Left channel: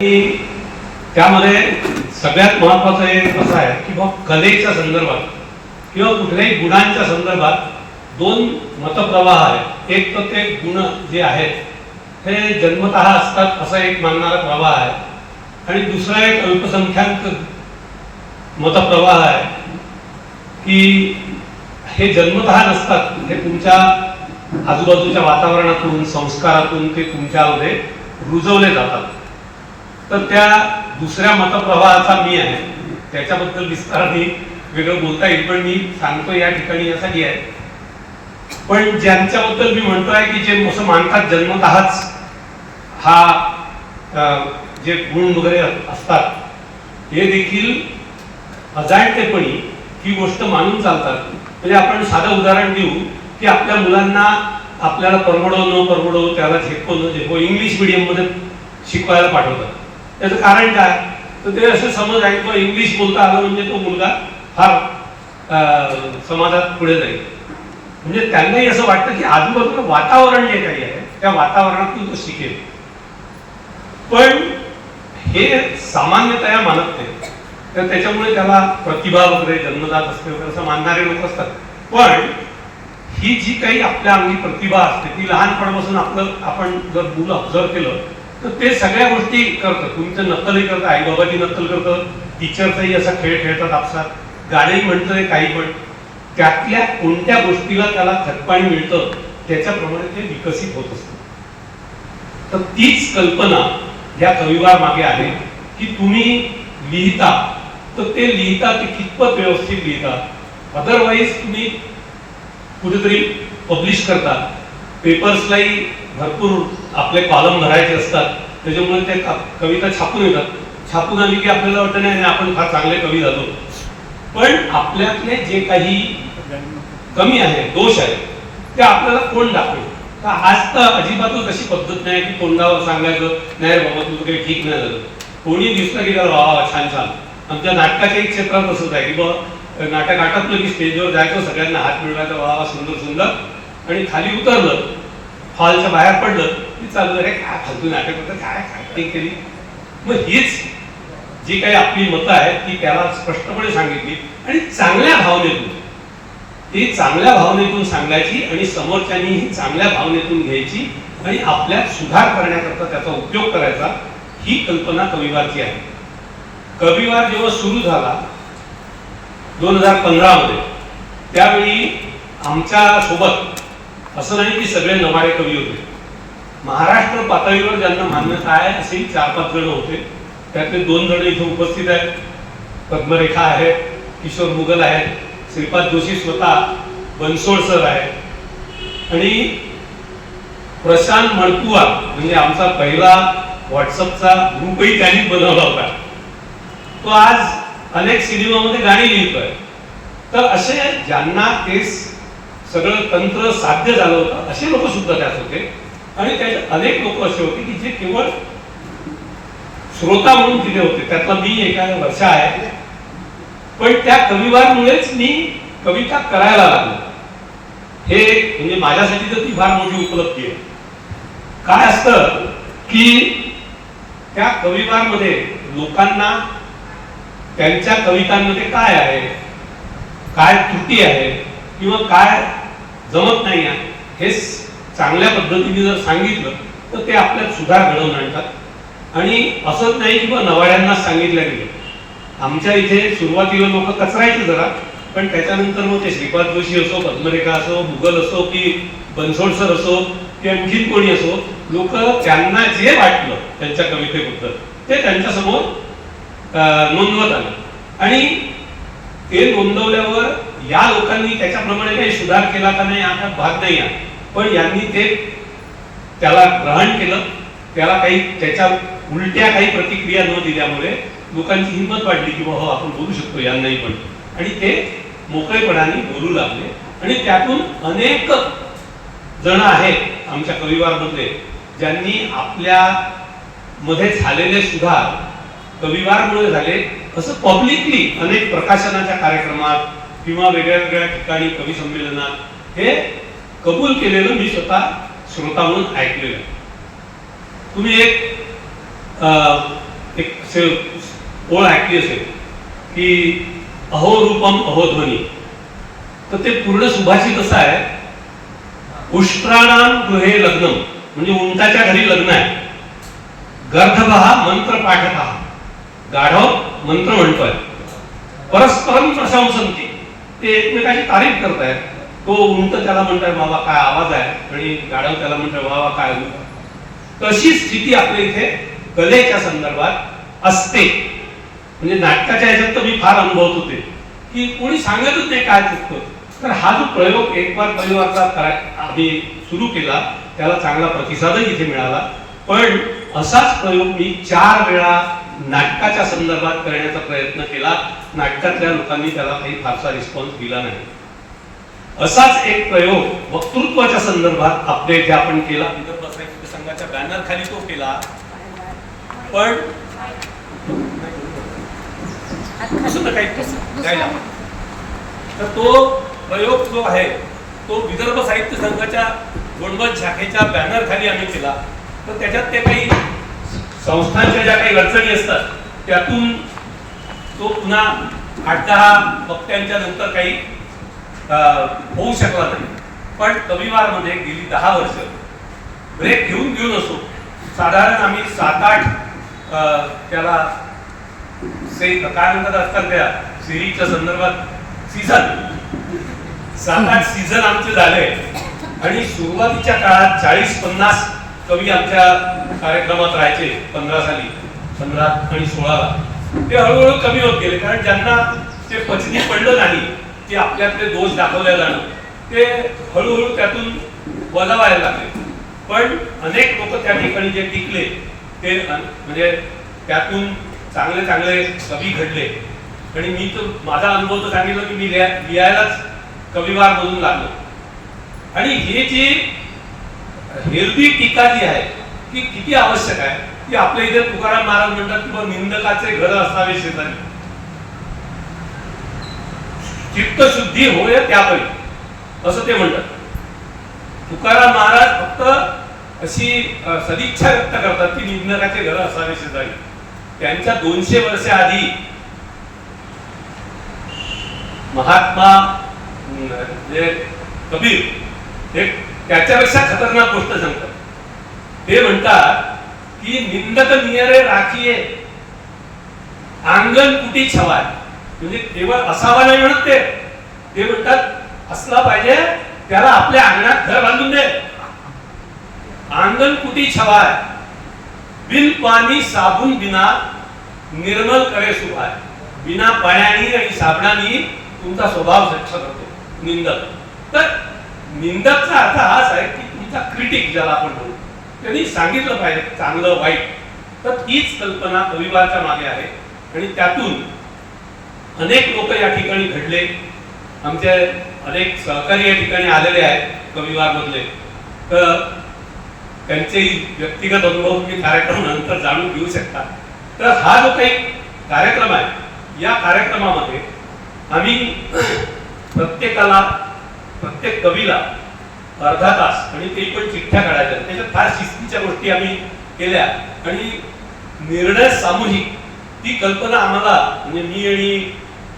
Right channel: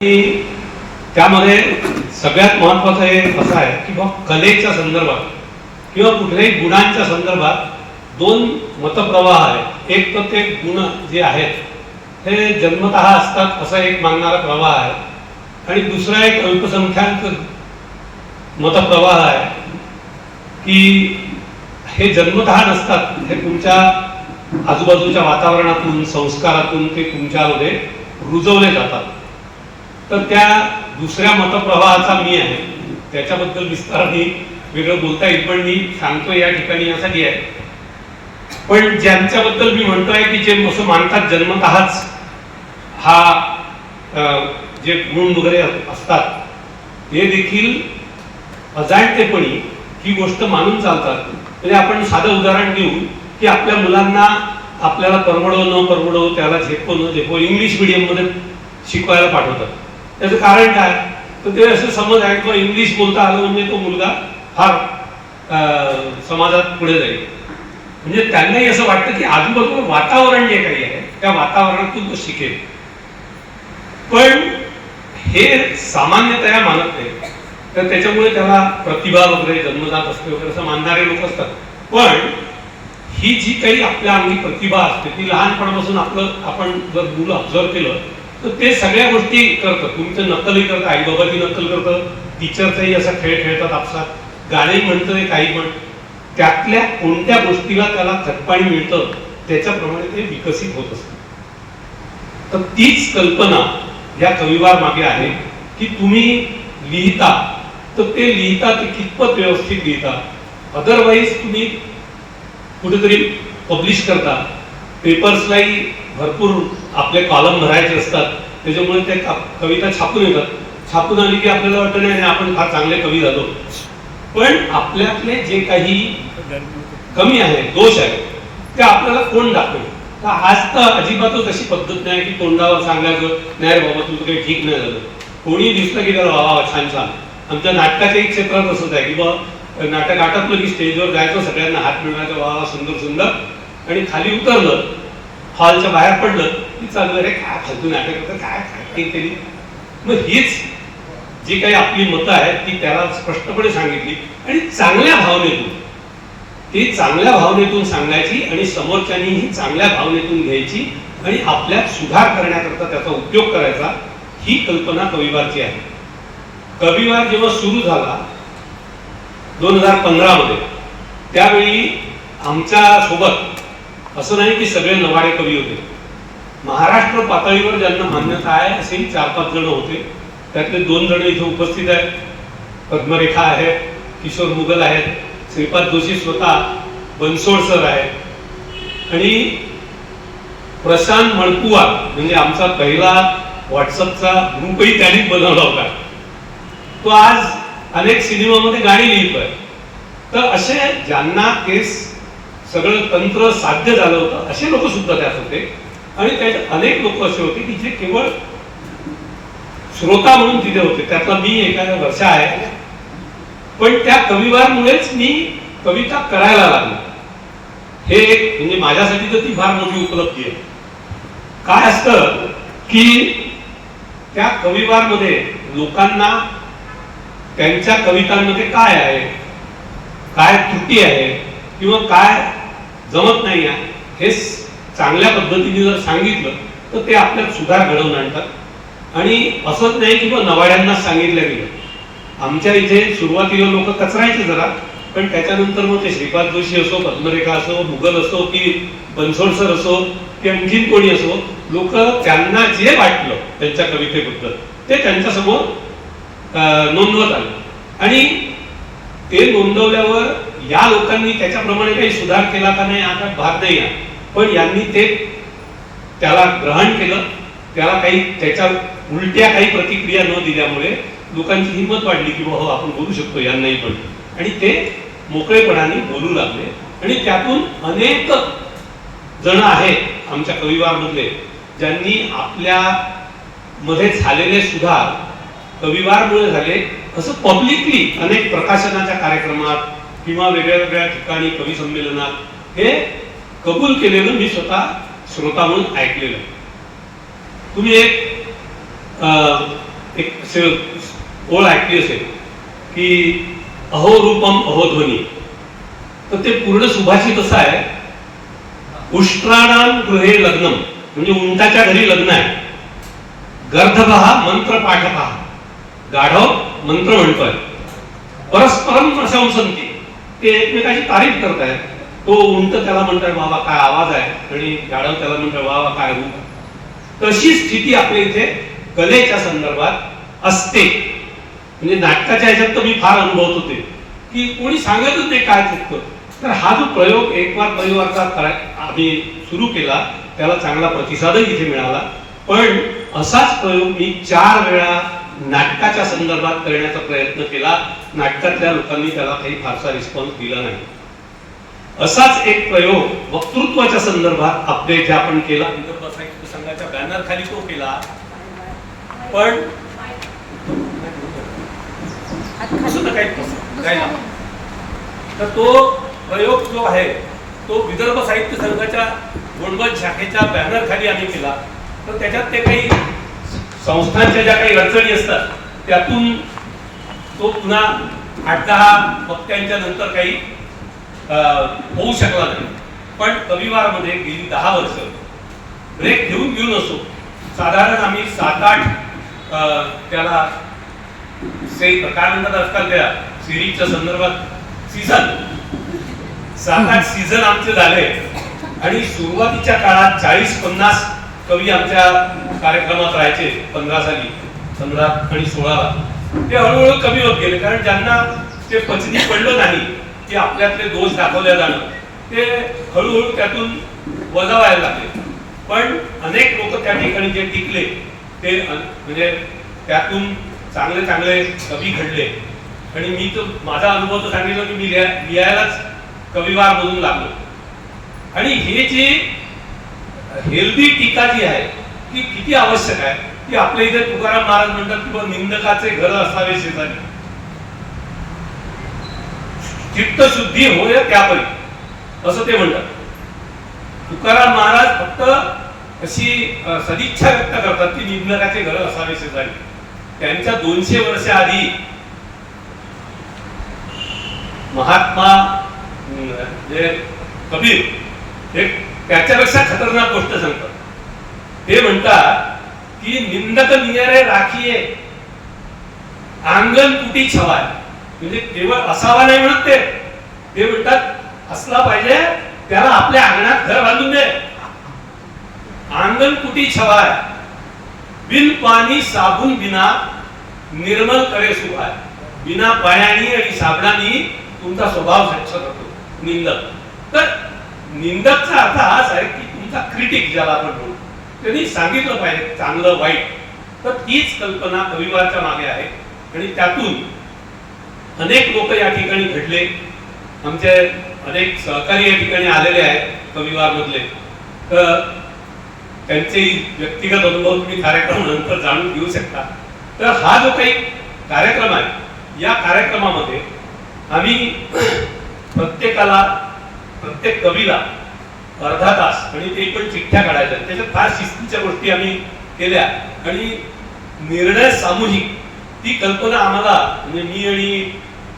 की त्यामध्ये सगळ्यात महत्त्वाचं एक असं आहे की बघ कलेच्या संदर्भात किंवा कुठल्याही गुणांच्या संदर्भात दोन मतप्रवाह आहेत. एक तर ते गुण जे आहेत हे जन्मतः असतात असा एक मानणारा प्रवाह आहे आणि दुसरा एक अल्पसंख्याक मतप्रवाह आहे की हे जन्मतः नसतात, हे तुमच्या आजूबाजूच्या वातावरणातून संस्कारातून ते तुमच्यामध्ये रुजवले जातात. तर त्या दुसऱ्या मतप्रवाहाचा मी आहे, त्याच्याबद्दल विस्ताराने वेगळं बोलता येईल, पण मी सांगतो या ठिकाणी यासाठी आहे. पण ज्यांच्याबद्दल मी म्हणतोय की जे असं मानतात जन्मतःच हा जे गुण वगैरे असतात हे देखील अजाणतेपणी ही गोष्ट मानून चालतात. म्हणजे आपण साधं उदाहरण देऊ की आपल्या मुलांना आपल्याला परवडो न परवडो, त्याला झेपो न झेपो, इंग्लिश मीडियम मध्ये शिकवायला पाठवतात. त्याचं कारण काय? तर ते असं समज आहे की इंग्लिश बोलता आलं म्हणजे तो मुलगा फार समाजात पुढे जाईल. म्हणजे त्यांनाही असं वाटतं की आजूबाजूचं वातावरण जे काही आहे त्या वातावरणातून तो शिकेल. पण हे सामान्यतया मानत नाही. तर त्याच्यामुळे त्याला प्रतिभा वगैरे जन्मजात असते वगैरे असं मानणारे लोक असतात. पण ही जी काही आपल्या अंगी प्रतिभा असते ती लहानपणापासून आपण जर मुलं ऑब्झर्व केलं तर ते सगळ्या गोष्टी करतात. तुमचं नक्कलही करतं, आई बाबाची नक्कल करतं, टीचरचाही असा खेळ खेळतात आपसात, गाणे म्हणतं, काही पण त्यातल्या कोणत्या गोष्टीला त्याला खतपाणी मिळतं त्याच्याप्रमाणे ते विकसित होत असतं. तर तीच कल्पना या कविवार मागे आहे की तुम्ही लिहिता तर ते लिहिता ते कितपत व्यवस्थित लिहिता. अदरवाईज तुम्ही कुठेतरी पब्लिश करता, पेपर्सलाही भरपूर आपले कॉलम भरायचे असतात, त्याच्यामुळे ते कविता छापून येतात. छापून आली की आपल्याला वाटतं नाही आपण फार चांगले कवी झालो. पण आपल्यातले जे काही कमी आहे, दोष आहे, ते आपल्याला कोण दाखवेल? तर आज तर अजिबातच अशी पद्धत नाही की तोंडावर सांगायचं नाही रे बाबा तुझं काही ठीक नाही झालं. कोणी दिसलं की त्याला वा छान छान. आमच्या नाटकाच्या एक क्षेत्रात असंच आहे की बाबा नाटक आटपलं की स्टेजवर जायचं, सगळ्यांना हात मिळवायचा, वा सुंदर सुंदर, आणि खाली उतरलं हॉलच्या बाहेर पडलं की चालू अरे काय फालतू नाटक होतं, काय ऍक्टिंग केली. मग हीच जी काही आपली मतं आहेत ती त्याला स्पष्टपणे सांगितली आणि चांगल्या भावनेतून, ती चांगल्या भावनेतून सांगायची आणि समोरच्यांनीही चांगल्या भावनेतून घ्यायची आणि आपल्यात सुधार करण्याकरता त्याचा उपयोग करायचा. ही कल्पना कविवारची आहे. कविवार जेव्हा सुरू झाला 2015 मध्ये, त्यावेळी आमच्या सोबत असं नाही की सगळे नवाडे कवी होते. महाराष्ट्र पातळीवर ज्यांना मान्यता आहे असे 4-5 जण होते. त्यातले 2 जण इथे उपस्थित आहेत. पद्मरेखा आहे, किशोर मुघल आहेत, श्रीपाद जोशी स्वतः, बनसोड सर आहेत आणि प्रशांत मणकुवार म्हणजे आमचा पहिला व्हॉट्सअपचा ग्रुपही त्यांनीच बनवला होता. तो आज अनेक सिनेमामध्ये गाणी लिहितोय. तर असे ज्यांना ते सगळं तंत्र साध्य झालं होतं असे लोक सुद्धा त्यात होते. आणि त्याच्यात अनेक लोक असे होते की जे केवळ श्रोता म्हणून तिथे होते. त्यातला मी एका वर्षा आहे. पण त्या कविवारमुळेच मी कविता करायला लागलो. हे एक म्हणजे माझ्यासाठी तर ती फार मोठी उपलब्धी आहे. काय असतं की त्या कविवारमध्ये लोकांना त्यांच्या कवितांमध्ये काय आहे, काय त्रुटी आहे किंवा काय जमत नाही आहे हे चांगल्या पद्धतीने जर सांगितलं तर ते आपल्यात सुधार घडवून आणतात. आणि असंच नाही की मग नवाड्यांना सांगितलं गेलं. आमच्या इथे सुरुवातीला लोक कचरायचे जरा, पण त्याच्यानंतर मग ते श्रीपाद जोशी असो, पद्मरेखा असो, मुघल असो की बनसोड सर असो की आणखीन कोणी असो, लोक त्यांना जे वाटलं त्यांच्या कवितेबद्दल ते त्यांच्यासमोर नोंदवत आले. आणि ते नोंदवल्यावर या लोकांनी त्याच्याप्रमाणे काही सुधार केला का नाही आता भाग नाही आहे, पण यांनी ते त्याला ग्रहण केलं. त्याला काही त्याच्या उलट्या काही प्रतिक्रिया न दिल्यामुळे लोकांची हिंमत वाढली की हो आपण बोलू शकतो यांनाही पण, आणि ते मोकळेपणाने बोलू लागले. आणि त्यातून अनेक जण आहेत आमच्या कविवारमध्ये ज्यांनी आपल्या मध्ये झालेले सुधार कविवारमुळे झाले असं पब्लिकली अनेक प्रकाशनाच्या कार्यक्रमात किंवा वेगळ्या वेगळ्या ठिकाणी कवी संमेलनात हे कबूल केलेलं मी स्वतः श्रोता म्हणून ऐकलेलं. तुम्ही एक एक ओळ ऐकली असेल की अहो रूपम अहो ध्वनी, तर ते पूर्ण सुभाषित असं आहे, उष्ट्राणाम गृहे लग्नम, म्हणजे उंटाच्या घरी लग्न आहे, गर्धभहा मंत्र पाठपहा, गाढव मंत्र म्हणतोय, परस्परम प्रशंसंती, ते एकमेकाची तारीफ करतायत. तो उंट त्याला म्हणतोय बाबा काय आवाज आहे, आणि गाढव त्याला म्हणतोय बाबा काय रूप. तशी स्थिती आपल्या इथे कलेच्या संदर्भात असते. म्हणजे नाटकाच्या ह्याच्यात तर मी फार अनुभवत होते की कोणी सांगतच नाही काय चुकतं. तर हा जो प्रयोग एक बार परिवारचा आम्ही सुरू केला, त्याला चांगला प्रतिसादही इथे मिळाला. पण असाच प्रयोग मी 4 वेळा नाटकाच्या संदर्भात करण्याचा प्रयत्न केला. नाटकातल्या लोकांनी त्याला काही फारसा रिस्पॉन्स दिला नाही. असाच एक प्रयोग वक्तृत्वाच्या संदर्भात आपल्या इथे आपण केला. विदर्भ साहित्य संघाच्या बॅनर खाली तो केला. पण तर तो प्रयोग जो आहे तो विदर्भ साहित्य संघाच्या गोंडवत शाखेच्या बॅनर खाली आम्ही केला. तर त्याच्यात ते काही संस्थांच्या ज्या काही अडचणी असतात त्यातून तो पुन्हा 8-10 वक्त्यांच्या नंतर काही होऊ शकला नाही. पण कविवारमध्ये गेली 10 वर्ष ब्रेक घेऊन असो, साधारण आम्ही 7-8 त्याला काय म्हणतात आजकाल त्या सिरीजच्या संदर्भात सीझन 7-8 सीझन आमचे झाले. आणि सुरुवातीच्या काळात 40-50 कवी आमच्या कार्यक्रमात राहायचे. 15 साली, 15 आणि 16ला ते हळूहळू कमी होत गेले. कारण ज्यांना ते पचनी पडलं नाही की आपल्यातले दोष दाखवले जाणं, ते हळूहळू त्यातून वजा व्हायला लागले. पण अनेक लोक त्या ठिकाणी जे टिकले ते म्हणजे त्यातून चांगले चांगले कवी घडले. आणि मी तर माझा अनुभव तर सांगितलं की मी लिहायलाच कविवार मधून लागलो. आणि हे जी हेल्दी टीका जी आहे की किती आवश्यक आहे, की आपल्या इथे तुकाराम महाराज म्हणतात की निंदकाचे घर असावे शेजारी, चित्तशुद्धी होय त्यापरी, असं ते म्हणतात. तुकाराम महाराज फक्त अशी सदिच्छा व्यक्त करतात की निंदकाचे घर असावे शेजारी. त्यांच्या 200 वर्ष आधी महात्मा जे कबीर हे त्याच्यापेक्षा खतरनाक गोष्ट सांगतात. ते म्हणतात की निंदक नियरे राखीये अंगण कुटी छवाय. म्हणजे केवळ असावा नाही म्हणत ते म्हणतात असला पाहिजे, त्याला आपल्या अंगणात घर बांधून दे. अंगण कुटी छवाय बिन पाणी साबून बिना निर्मल करे सुभाय. बिना पाण्याने आणि साबणाने तुमचा स्वभाव स्वच्छ करतो निंदक. तर निंदकचा अर्थ हाच आहे की तुमचा क्रिटिक ज्याला आपण म्हणू, त्यांनी सांगितलं पाहिजे चांगलं वाईट. तर तीच कल्पना कविवारच्या मागे आहे. आणि त्यातून अनेक लोक या ठिकाणी घडले. आमचे अनेक सहकारी या ठिकाणी आलेले आहेत कविवार मधले. तर त्यांचे व्यक्तिगत अनुभव तुम्ही कार्यक्रम नंतर जाणून घेऊ शकता. तर हा जो काही कार्यक्रम आहे, या कार्यक्रमामध्ये आम्ही प्रत्येकाला, प्रत्येक कवीला अर्धा तास, आणि ते पण चिठ्ठ्या काढायच्या. त्याच्यात फार शिस्तीच्या गोष्टी आम्ही केल्या. आणि निर्णय सामूहिक ती कल्पना आम्हाला, म्हणजे मी आणि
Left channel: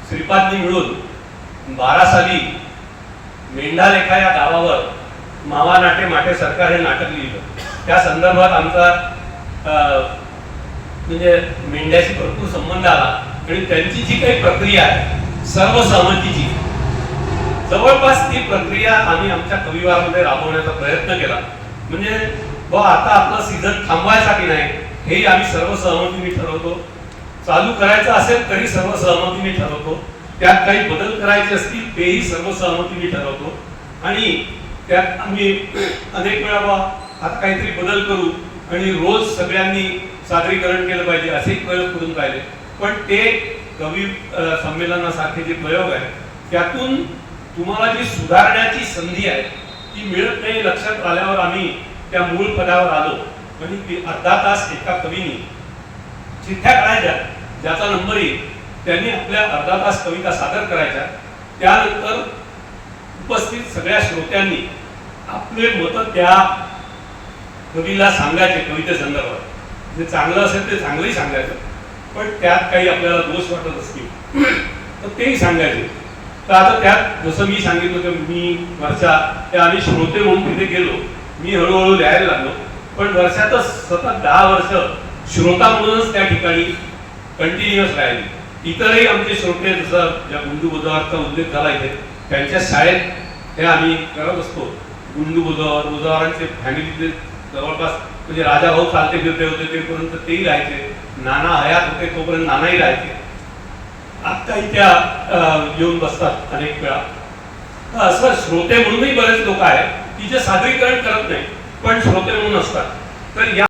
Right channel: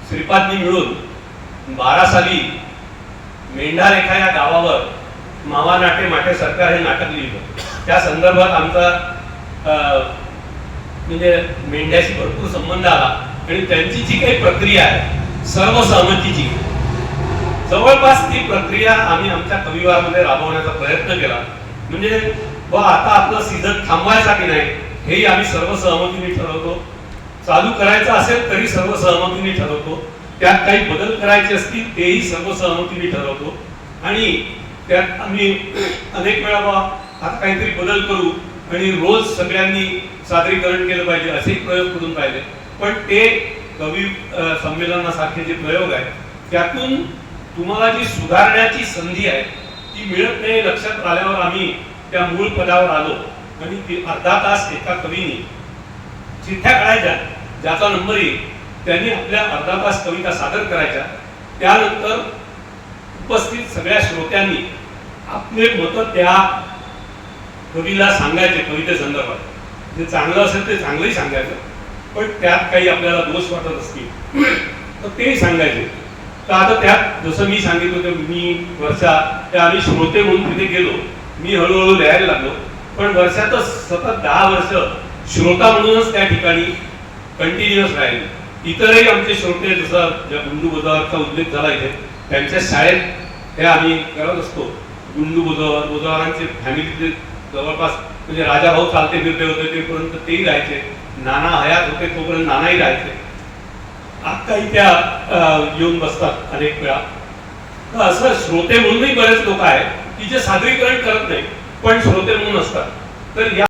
श्रीपादनी मिळून 12 साली मेंढारेखा या गावावर मावा नाटे माटे सरकार हे नाटक लिहिलं. त्या संदर्भात आमचा म्हणजे मेंढ्याशी भरपूर संबंध आला. आणि त्यांची जी काही प्रक्रिया आहे सर्वसहमतीची, जवळपास ती प्रक्रिया आम्ही आमच्या कविवारमध्ये राबवण्याचा प्रयत्न केला. म्हणजे आता आपलं सीझन थांबवायचा की नाही हेही आम्ही सर्वसहमतीने ठरवतो. चालू करायचं असेल तरी सर्वसहमतीने ठरवतो. त्यात काही बदल करायचे असतील तेही सर्वसहमतीने ठरवतो. आणि त्यात आम्ही अनेक वेळा आता काहीतरी बदल करू आणि रोज सगळ्यांनी सादरीकरण केलं पाहिजे असे प्रयोग करून पाहिले. पण ते कवी संमेलनासारखे जे प्रयोग आहेत त्यातून तुम्हाला जी सुधारण्याची संधी आहे ती मिळत नाही. लक्षात आल्यावर आम्ही त्या मूळ पदावर आलो. आणि अर्धा तास एका कवीने चिठ्ठ्या काढायच्या, ज्याचा नंबर येईल त्यांनी आपल्या अर्धा तास कविता सादर करायच्या. त्यानंतर उपस्थित सगळ्या श्रोत्यांनी आपले मत त्या कवीला सांगायचे कविते संदर्भात. जे चांगलं असेल ते चांगलंही सांगायचं, पण त्यात काही आपल्याला दोष वाटत असतील तर तेही सांगायचे. तर आता त्यात जसं मी सांगितलं होतं, मी वर्षा त्या आम्ही श्रोते म्हणून तिथे गेलो, मी हळूहळू लिहायला लागलो. पण वर्षातच सतत 10 वर्ष श्रोता म्हणूनच त्या ठिकाणी कंटिन्युअस राहिले. इतरही आमचे श्रोते, जसं ज्या गुंडू बुधवारचा उल्लेख झाला इथे, त्यांच्या शाळेत हे आम्ही करत असतो. गुंडू बुधवारांचे फॅमिली जवळपास म्हणजे राजाभाऊ चालते फिरते होते तेपर्यंत तेही राहायचे, नाना हयात होते तोपर्यंत नानाही राहायचे. आत्ताही त्या येऊन बसतात अनेक वेळा. तर असं श्रोते म्हणूनही बरेच लोक आहेत की जे सादरीकरण करत नाही पण श्रोते म्हणून असतात. तर या